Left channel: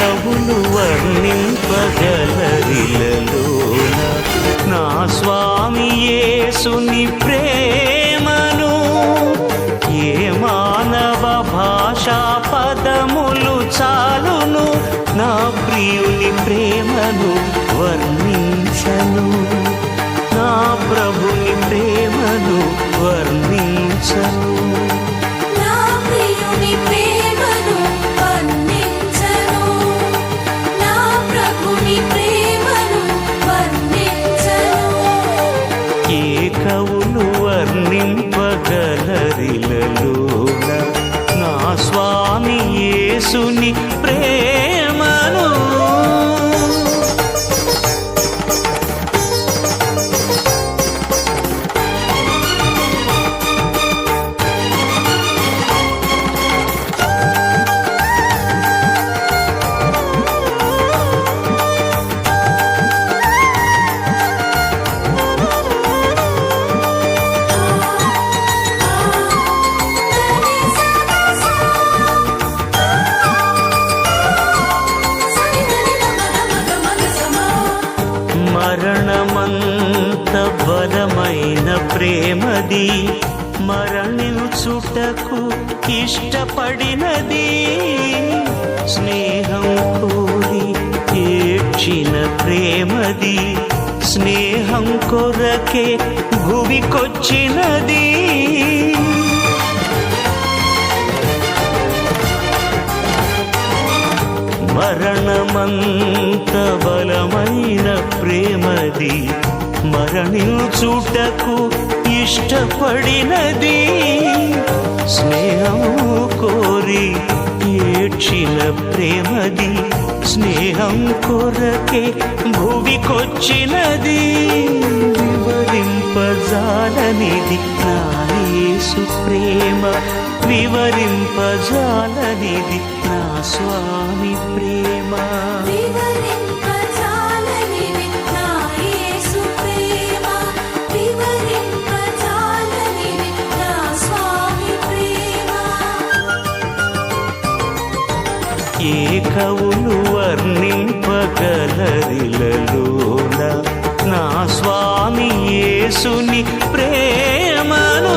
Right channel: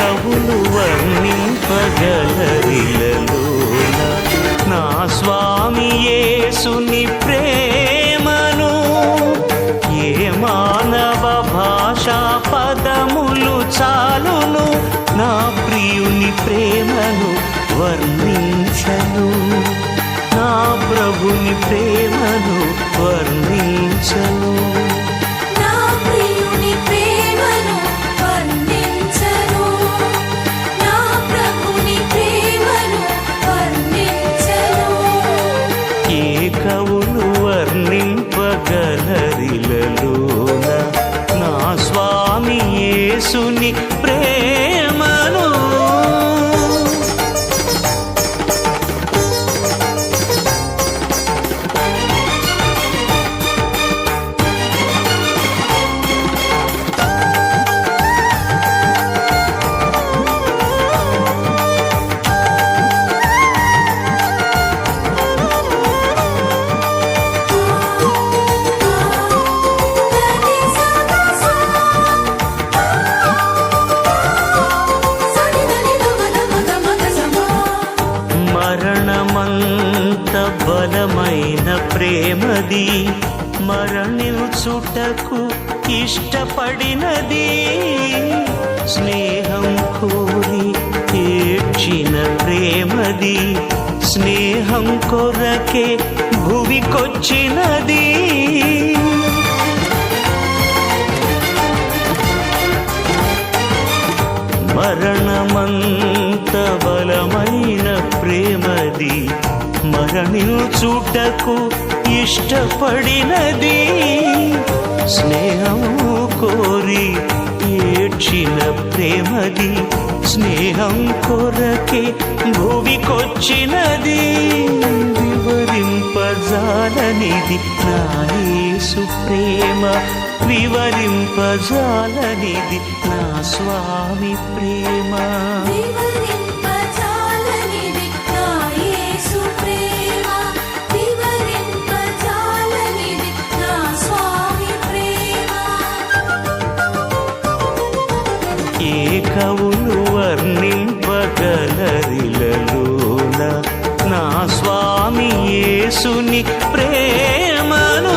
కవులు వర్ణింపగలరిలలోన నా స్వామి యేసుని ప్రేమను? ఏ మానవ భాషా పదములు చాలును నా ప్రియుని ప్రేమను వర్ణించను, నా ప్రభుని ప్రేమను వర్ణించను. ఏ కవులు వర్ణింపగలరిలలోన నా స్వామి యేసుని ప్రేమను? మరణమంత బలమైన ప్రేమది, మరణించుటకు ఇష్టపడినది. స్నేహం కోరి ఏడ్చిన ప్రేమది, స్నేహం కొరకే భువికొచ్చినది. మరణమంత బలమైన ప్రేమది, మరణించుటకు ఇష్టపడినది. స్నేహం కోరి ఏడ్చిన ప్రేమది, స్నేహం కొరకే భువికొచ్చినది. వివరింపజాలనిది నా యేసు ప్రేమ, వివరింపజాలనిది నా స్వామి ప్రేమ. ఏ కవులు వర్ణింపగలరిలలోన నా స్వామి యేసుని ప్రేమను?